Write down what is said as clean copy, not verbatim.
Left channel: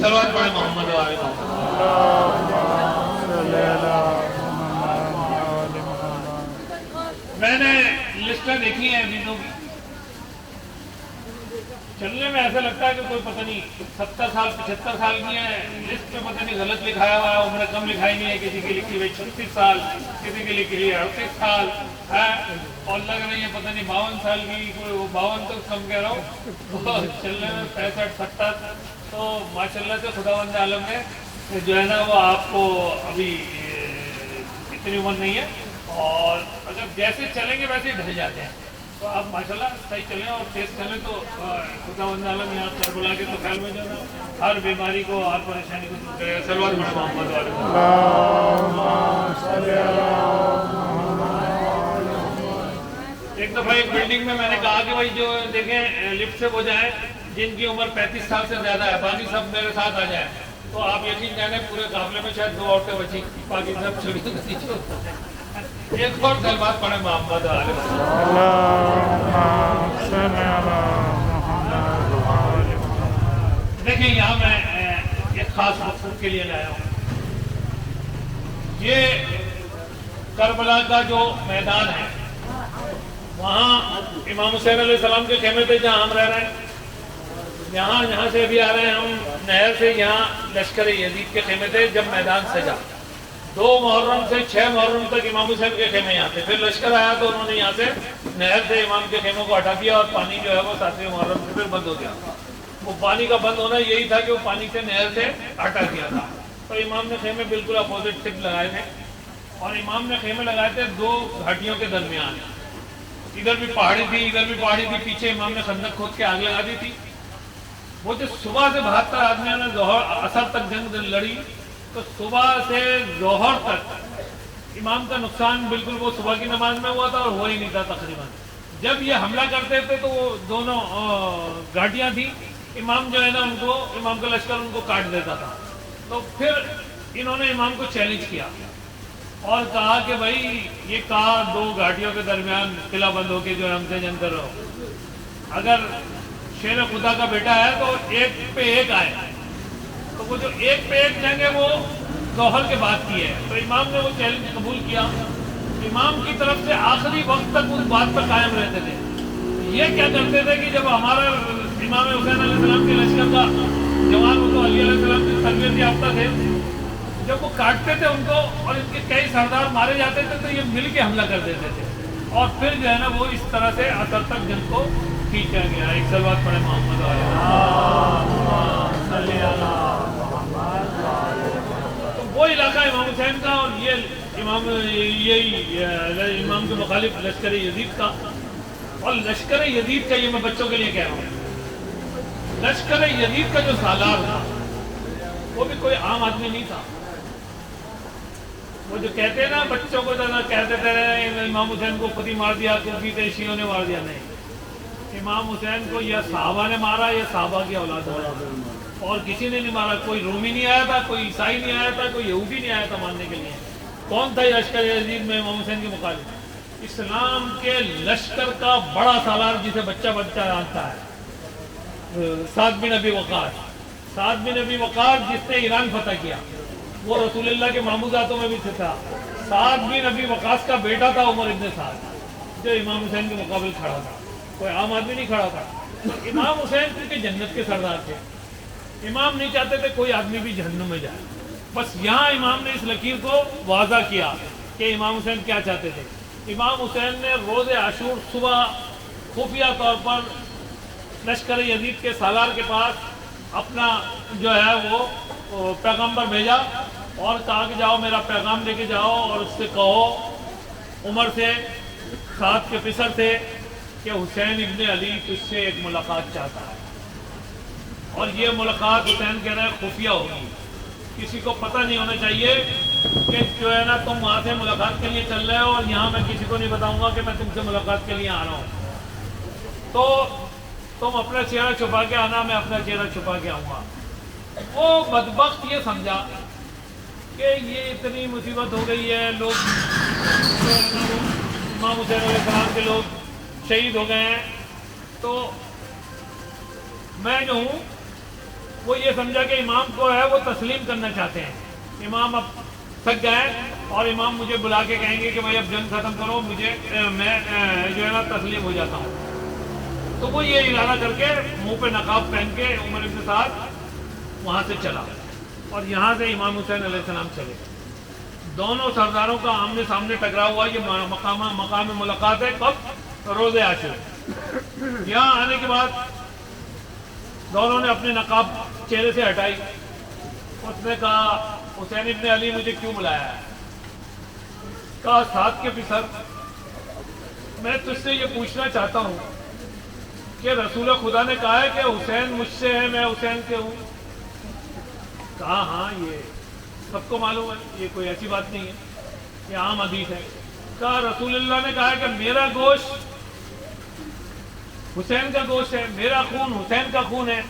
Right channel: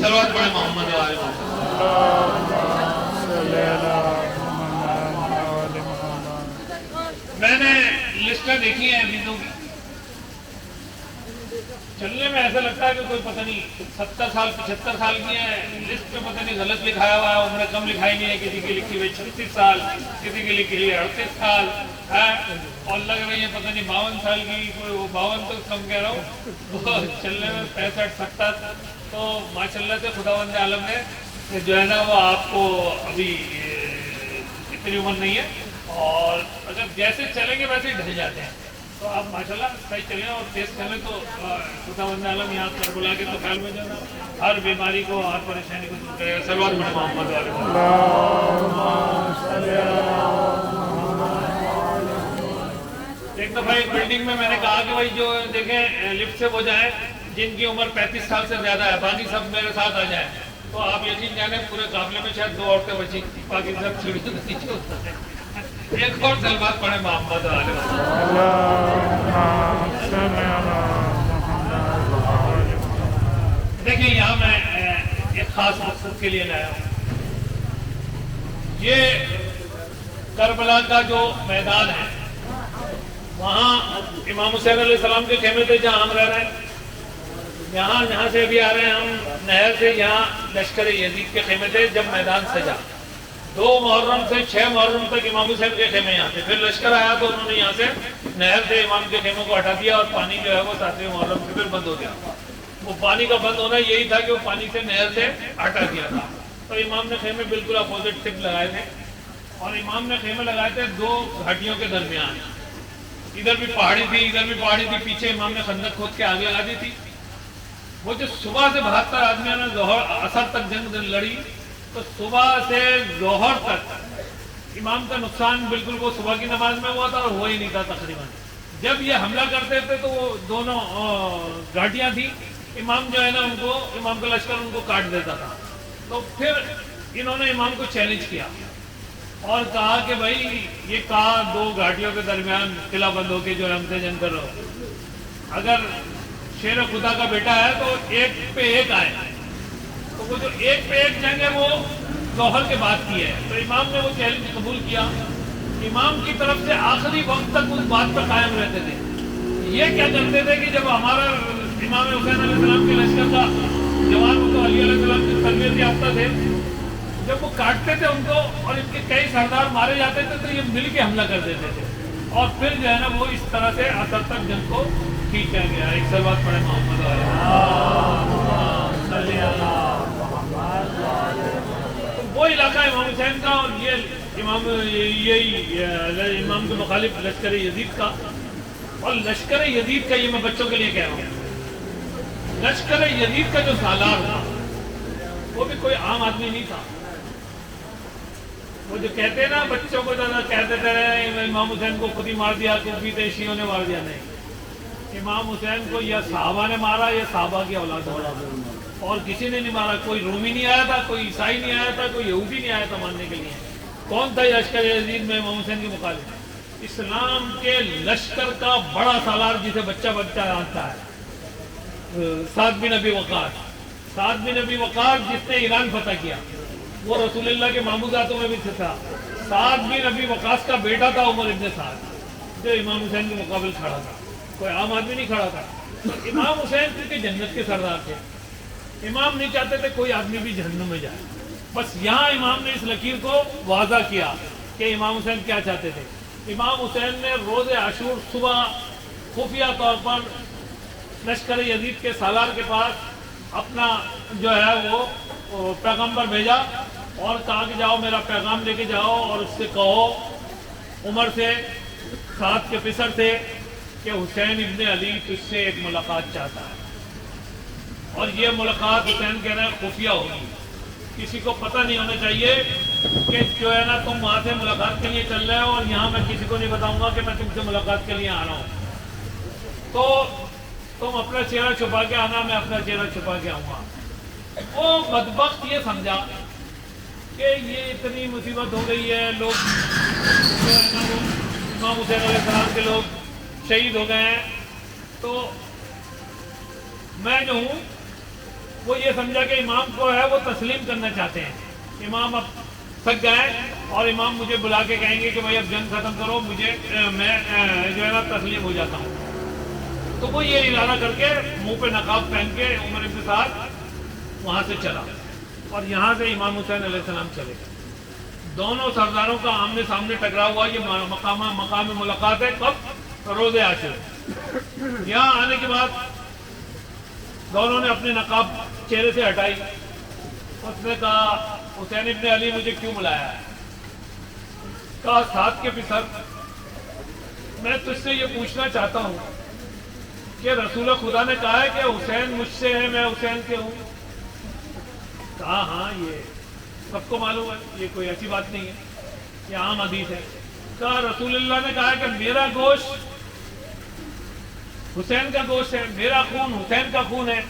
सलवात पढ़े मोहम्मद व आले मोहम्मद। मैंने लिस्टें देखी हैं हदीसों की, चलने में ऐसा लगता है कि कोई पता नहीं 70 साल 75 साल की है, लिस्ट में पता नहीं गलत लिखाया हुआ है, उम्र कम लिखाई नहीं है, किसी की लिखी हुई 36 साल, किसी की लिखी हुई 38 साल है, और लग रही है पता नहीं 52 साल की, कोई 52 तक कम कह रहा हूँ, तो चलने में 65 70। तो माशाल्लाह से खुदावंद आलम ने जो है ना वो आपको अभी इतनी उम्र नहीं है, और अगर जैसे चलेंगे वैसे ही ढल जाते हैं। तो आप माशाल्लाह सही चलें और तेज चलें तो खुदावंद आलम यहाँ करबला के तकाल में जो है हर बीमारी को, हर परेशानी को दूर करेगा। सलवात पढ़े मोहम्मद व आले मोहम्मद। एक दफ़ा एक बिल्डिंग में मैंने कहा कि भाई जो देखें लिफ्ट से वो जाए जिनकी उम्र 35 साल से ज्यादा है, बाकी सब मेरे साथ आ जाए। तो आप यकीन जाने पूरे काफिले में शायद 2 औरतें बची, बाकी सब छुट्टी। एक और सलवात पढ़े मोहम्मद व आले मोहम्मद। देखिए यहाँ मैं एक खास मकसद के लिए लाया हूँ। ये करबला का जो मैदान है, वहाँ इमाम हुसैन अलैहिस्सलाम के खेमे थे जहाँ हम रह रहे हैं। यहाँ से भी आ रहे हैं हम नहर से, यहाँ लश्कर यजीद के खेमे थे जब मैदान सजा। 2 मुहर्रम से 6 मुहर्रम तक इमाम हुसैन के खेमे यहाँ थे। फिर लश्कर आया तो उन्होंने यहाँ से नहर से इमाम के खेमों को हटा दिया और पानी जो है वो 7वें मुहर्रम से फिर बंद हो गया। वो पानी का बंद होना यही था कि वो पानी से नहर से हटा दिया था। तो इमाम ने खेमे बिल्कुल अपोजिट शिफ्ट लगाए थे, और इमाम ने खेमे लगाए थे 2 घाटियों के दरमियान। इधर भी पहाड़ी थी, इधर भी पहाड़ी थी। पीछे इमाम ने खंदक खोद के आग लगा दी थी। वो जो सुबह से 72 आदमियों ने जोहर असर तक जंग लड़ी, तो सुबह से जोहर तक इमाम का नुकसान बिल्कुल वो सुबह की नमाज में हुआ था और हुआ ही नहीं था तकरीबन। जब ये हमला करते थे तो वो दोनों घाटियां थी, इमाम जो है ना उनको, इमाम का लश्कर उनको काट देता था। तो फिर इन्होंने इमाम को चैलेंज किया और कहा कि भाई ये कहा 2 घाटियों के दरमियान किला बंद होके जो है हमसे जंग कर रहा हो, अगर शेर खुदा का बेटा है तो 1 पे 1 आए। तो वो जो 1 पे 1 जंग है वो जोहर के बाद की है। तो इमाम ने वो चैलेंज कबूल किया। इमाम की तरफ से आखिरी वक्त तक उस बात पर कायम रहते थे। ये क्या करते थे कि जब हमारा इमाम हुसैन अलैहिस्सलाम के लश्कर का जवान तो अली अलैहिस्सलाम की तरबियत याफ्ता थे, जब वो काटते थे उनको और इनके कई सरदार मारे जाते थे तो ये मिल के हमला कर देते थे, और फिर जो है ना वो इस तरह से असर तक जंग को खींचा गया। एक सलवात पढ़े मोहम्मद। तो वो इलाका इमाम हुसैन का, और ये इमाम के मुखालिफ लश्कर यजीद का। और लश्कर यजीद का, ये मैं बच्चों के लिए कह रहा हूँ, लश्कर यजीद का जो सालार था वो भी कोई आम आदमी नहीं था। वो जो कहते हैं ना बच्चों को ज्यादा कहते थे इमाम हुसैन को खुद ही मार दिया, सूफी थे शियों ने मार दिया। नहीं, इमाम हुसैन को या साहबा ने मारा या साहबा की औलाद ने मारा, और किसी ने नहीं मारा। कोई रोमी नहीं आया था, कोई ईसाई नहीं आया था, कोई यहूदी नहीं आया था मारने के लिए। कौन था लश्कर यजीद में इमाम हुसैन के मुखालिफ? इस्लाम के लश्कर का बड़ा सालार जिसे बच्चा बच्चा जानता है, साद बिन अबी वक़ास। साद बिन अबी वक़ास जिसने ईरान फतह किया, वो रसूलुल्लाह के मामूजातों में भी था। साद बिन अबी वक़ास का बेटा था उमर इब्न साद, जो इमाम हुसैन के मुकाबले खड़ा था। कोई आम आदमी नहीं खड़ा था। तो इमाम हुसैन क्योंकि जन्नत के सरदार थे, इमाम नहीं चाहते थे कोई आदमी भी जहन्नुम में जाए। बस यहाँ इमाम ने इस लकीर को वाज़ा किया कि इमाम हुसैन क्या चाहते थे। इमाम हुसैन ने रोज़े आशूर सुबह खुफिया तौर पर लश्कर यजीद के सालार के पास अपना जो है वो पैगम्बर भेजा और कहा कि जाओ मेरा पैगाम लेके जाओ और उससे कहो उमर से, साथ के फिसर से, कि हुसैन इब्ने अली तुझसे एक मुलाकात चाहता है। और ये मुलाकात हुसैन कह रहे हैं खुफिया होगी, किसी को पता नहीं होना चाहिए कि जो है ना तुम वहाँ से मुलाकात के लिए चल रहे हो और यहाँ मैं किसी को नहीं बताऊंगा कि मैं तुमसे मुलाकात के लिए आ रहा हूँ। तो तुम अपना चेहरा छुपा के आना, मैं अपना चेहरा छुपा के आऊँगा। वो बदबख्त ये समझा कि ये इतनी मुसीबत हो गई है, लोग इमाम हुसैन अलैहिस्सलाम के लोग शहीद हो गए हैं, तो मैं जो हूँ وہ یہ سمجھا کہ امام کو ہے وہ تسلیم کرنا چاہتے ہیں. امام اب تھک گئے اور امام مجھے بلا کے کہیں گے کہ بھائی اب جنگ ختم کرو, مجھے میں جو ہے نا تسلیم ہو جاتا ہوں. تو وہ یہ ارادہ کر کے منہ پہ نقاب پہن کے عمر بن سعد وہاں سے چلا اور یہاں سے امام حسین علیہ السلام چلے. دونوں سرداروں کا آمنے سامنے ٹکرا ہوا. یہ مقام ملاقات ہے کب؟ روز عاشور. یہاں آنے کے بعد دونوں نے اپنے نقاب چہرے سے ہٹائی. اس نے کہا حسین ابن علی مجھے کیوں بلایا ہے؟ کہا ساتھ کے پسر میں تجھ سے یہ پوچھنا چاہتا ہوں کہ رسول خدا نے کہا ہے کہ حسین مجھ سے ہے میں حسین سے ہوں. کہا ہاں یہ سب کو معلوم ہے, یہ کوئی ایسی بات نہیں ہے, یہ عام حدیث ہے. کہا رسول اللہ نے کہا ہے کہ میرا گوشت حسین کا گوشت ہے, میرا خون حسین کا خون ہے.